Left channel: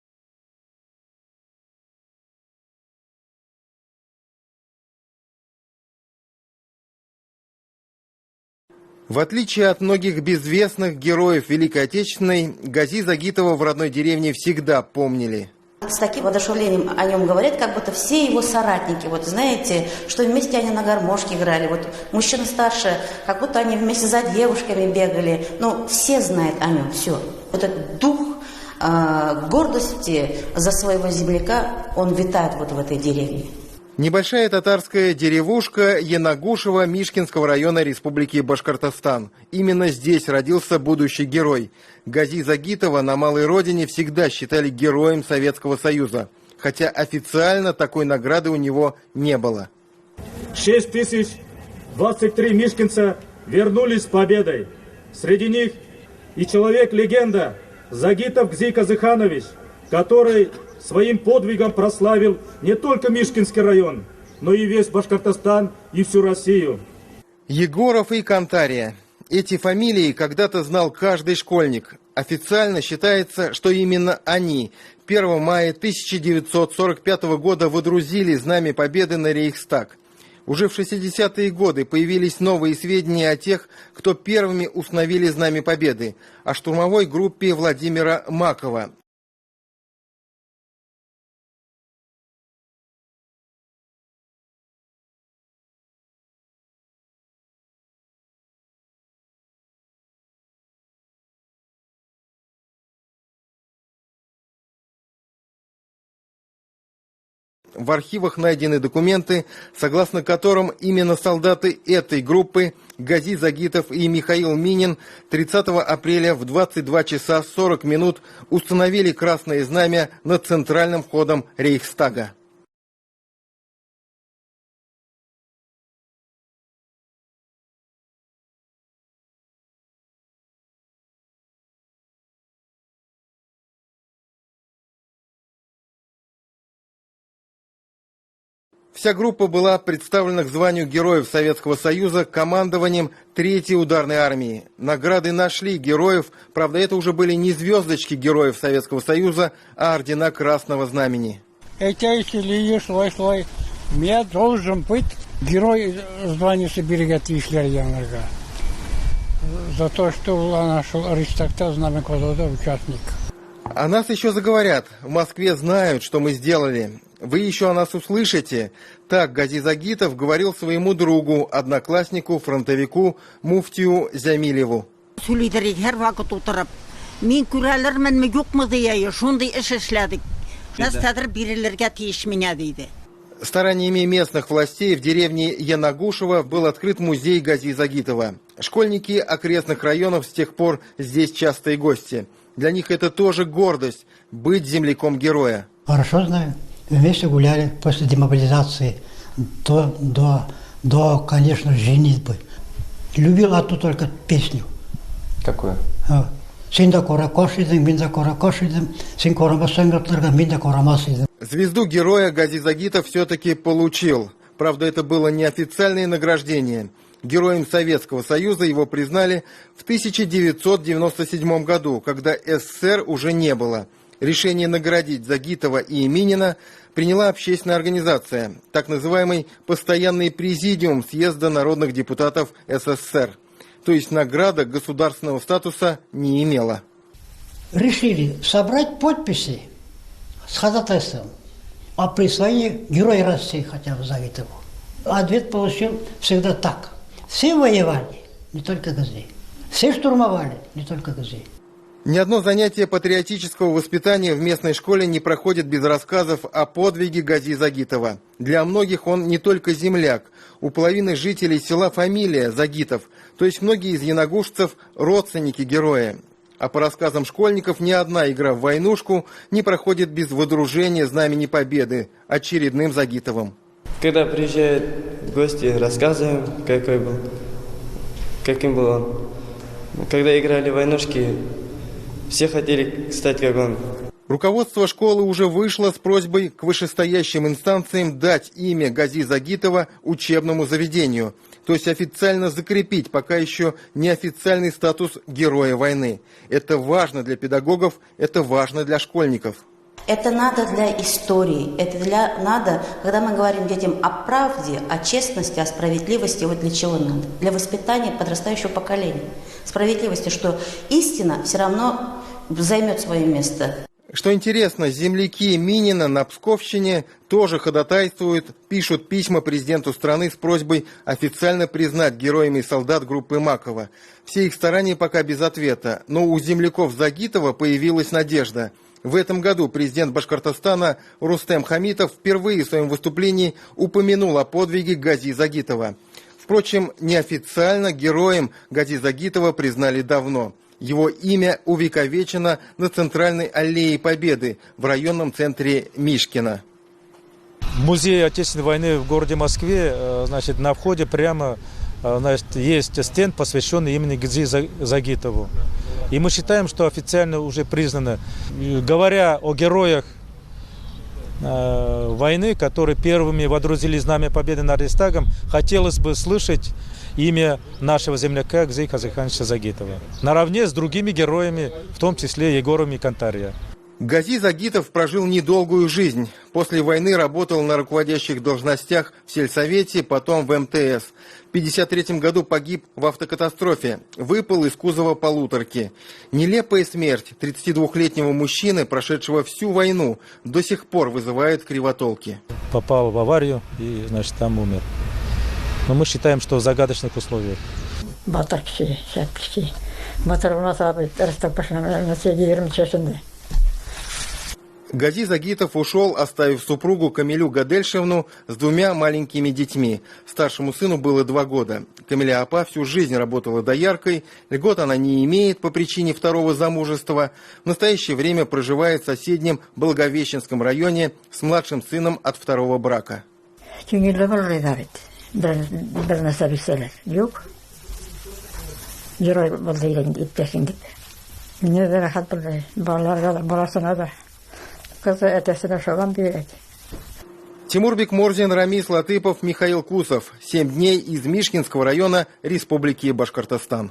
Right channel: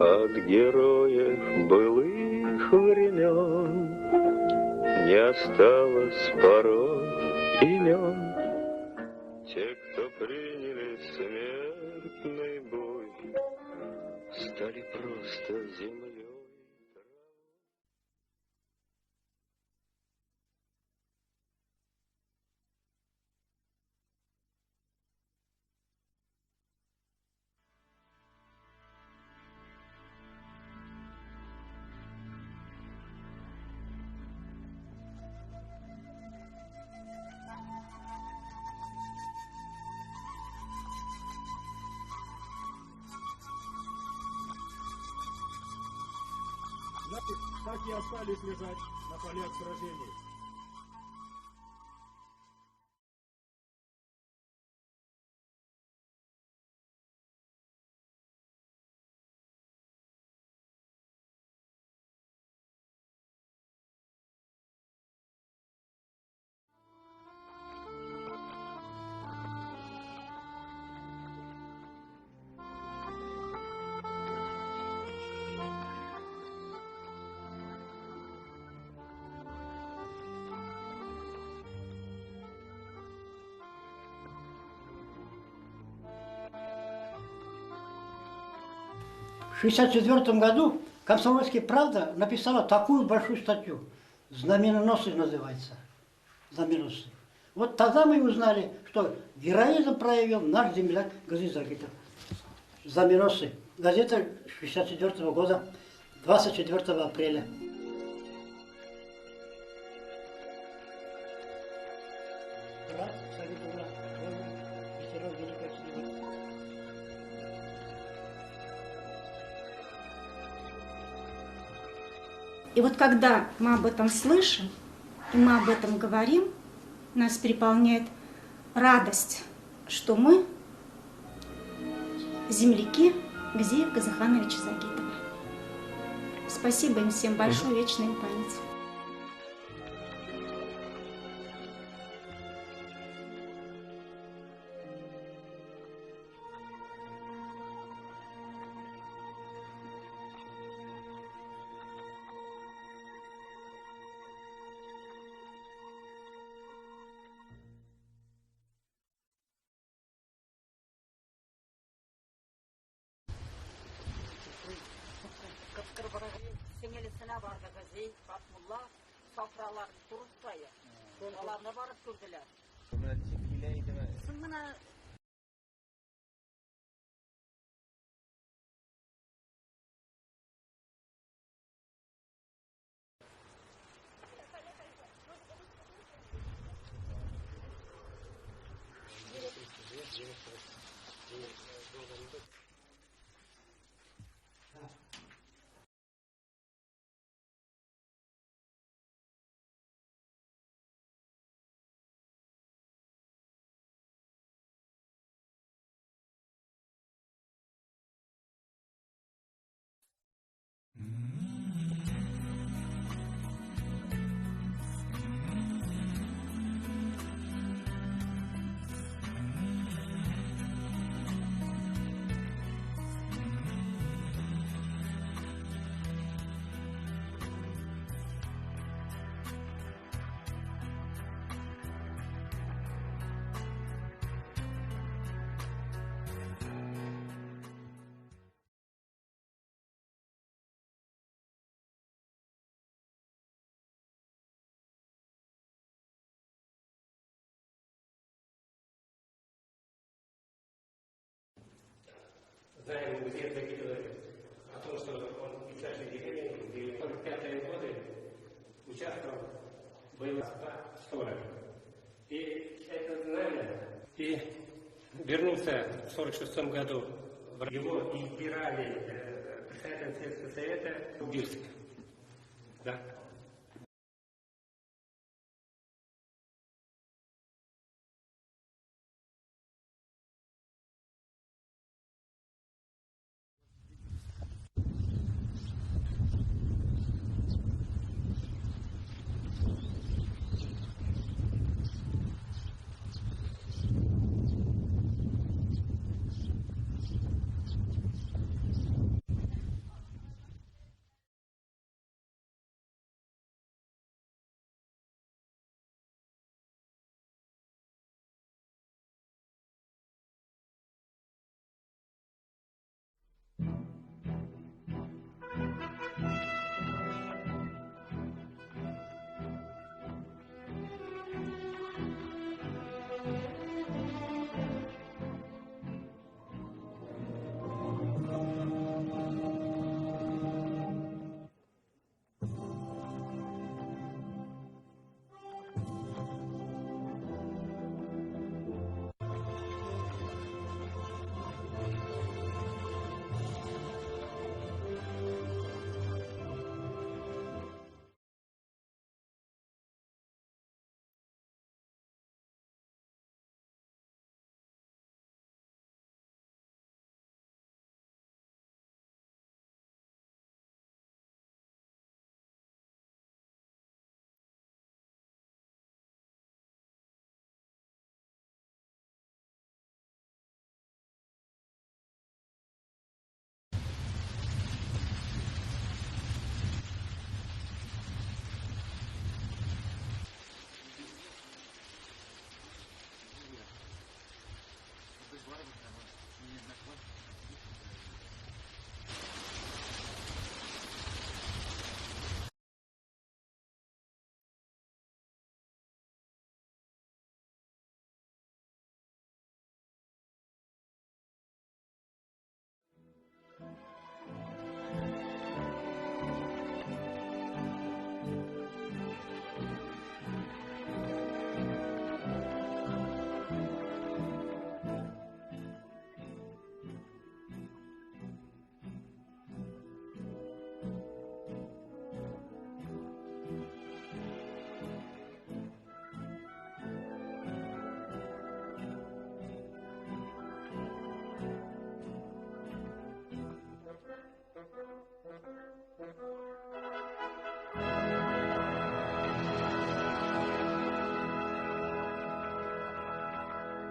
От героев былых времен не осталось порой имен. В отличие от многих безвестных героев Великой Отечественной, Гази Загитова в родной деревне всегда помнили. С таким воодушевлением о нем говорят, как будто все его соратники. Вот знаете, что вместе они на гармошке играли. Вот мужчина старше, как будто они вместе за девушками бегали. Ну, все знают о нем, все. Вот этот дух гордости за своего земляка, он витает вот в этой деревне. Небольшая татарская деревушка Янагушево Мишкинского района Республики Башкортостан. Именно здесь родился будущий герой. Гази Загитова на малой родине всегда считали героем Советского Союза, хотя официально такой награды у него не было. 6023 мишкинца вернулись с победой. Среди них и человек-легенда Загитов Гзи Казыханович, который своим подвигом прославил не только Мишкинский район, но и весь Башкортостан и всю Россию. Егоров и Кантария. Эти фамилии когда-то знал каждый школьник. Официально считается, что именно они 1 мая 1945 года водрузили знамя Победы на Рейхстаг. Уже в 60-е годы появились новые сведения о тех, кто первыми установили знамя Победы, о штурмовой группе Владимира Макова. В 1964 году «Комсомольская правда» написала такую большую статью. «Знаменоносцы» называется. Знаменоносцы. Вот тогда мы узнали, что героизм проявил наш земляк Гази Загитов. Знаменоносцы. Газета 1964 года, 24 апреля. В архивах найдены документы, согласно которым именно солдаты этой группы Гази Загитов и Михаил Минин 30 апреля в 22 часа 40 минут установили красное знамя над центральным входом Рейхстага. И вот когда мы об этом слышим, и мы об этом говорим, нас переполняет радость, что мы земляки Гази Казыхановича Загитова. Спасибо им всем большое, вечная им память. Вся группа была представлена к званию Героев Советского Союза командованием 3-й ударной армии. Награды нашли героев, правда, это уже были не звездочки Героев Советского Союза, а ордена Красного Знамени. Я должен быть герой звания Сибирьгати Шлярьянага. За то, что нашел Рейхстагта знамя квадрата участник. О нас еще заговорят. В Москве знают, что мы сделали. Вы еще о нас услышите. Так Гази Загитов говорил своему другу, однокласснику, фронтовику, муфтию Зямилеву. Стараниями местных властей в деревне Янагушево был открыт музей Гази Загитова. Школьники окрестных районов с тех пор здесь частые гости. Для них это тоже гордость – быть земляком героя. Хорошо знаю. Вместе гуляли после демобилизации до, конечно, женитьбы. Любил одну только песню. Какую? Звезду героя Гази Загитов все-таки получил. Правда, это было неофициальное награждение. Героем Советского Союза его признали в 1997 году, когда СССР уже не было. Решение наградить Загитова и Минина приняла общественная организация, так называемый Постоянный президиум Съезда народных депутатов СССР. То есть награда государственного статуса не имела. Решили собрать подписи с ходатайством о присвоении Героя России хотя бы Загитову. Ответ получил всегда так. Все воевали, не только Гази. Все штурмовали, не только Гази. Ни одно занятие патриотического воспитания в местной школе не проходит без рассказов о подвиге Гази Загитова. Для многих он не только земляк. У половины жителей села фамилия Загитов, то есть многие из янагушцев – родственники героя. А по рассказам школьников, ни одна игра в войнушку не проходит без водружения Знамени Победы очередным Загитовым. Когда приезжают гости, рассказываем, каким был он. Когда играли в войнушки, все хотели стать как он. Руководство школы уже вышло с просьбой к вышестоящим инстанциям дать имя Гази Загитова учебному заведению, то есть официально закрепить пока еще неофициальный статус Героя войны. Это важно для педагогов, это важно для школьников. Это надо для истории, надо, когда мы говорим детям о правде, о честности, о справедливости, вот для чего надо? Для воспитания подрастающего поколения. Справедливости, что истина все равно займет свое место. Что интересно, земляки Минина на Псковщине тоже ходатайствуют, пишут письма президенту страны с просьбой официально признать героями солдат группы Макова. Все их старания пока без ответа, но у земляков Загитова появилась надежда. В этом году президент Башкортостана Рустем Хамитов впервые в своем выступлении упомянул о подвиге Гази Загитова. Впрочем, неофициально героем Гази Загитова признали давно. Его имя увековечено на центральной аллее Победы в районном центре Мишкина. Музей Отечественной войны в городе Москве, значит, на входе прямо, значит, есть стенд, посвященный имени Гази Загитову. И мы считаем, что официально уже признано, говоря о героях войны, которые первыми водрузили знамя победы над Рейхстагом, хотелось бы слышать имя нашего земляка Гази Казыхановича Загитова. Наравне с другими героями, в том числе Егором и Кантария. Гази Загитов прожил недолгую жизнь. После войны работал на руководящих должностях в сельсовете, потом в МТС. В 1953 году погиб в автокатастрофе, выпал из кузова полуторки. Нелепая смерть 32-летнего мужчины, прошедшего всю войну, до сих пор вызывает кривотолки. Попал в аварию и, значит, там умер. Но мы считаем, что в загадочных условиях. Гази Загитов ушел, оставив супругу Камилю Гадельшевну с 2 маленькими детьми. Старшему сыну было 2 года. Камиля Апа всю жизнь работала дояркой, льгот она не имеет по причине 2-го замужества. В настоящее время проживает в соседнем Благовещенском районе с младшим сыном от 2-го брака. Тимурбек Морзин, Рамис Латыпов, Михаил Кусов. 7 дней из Мишкинского района Республики Башкортостан.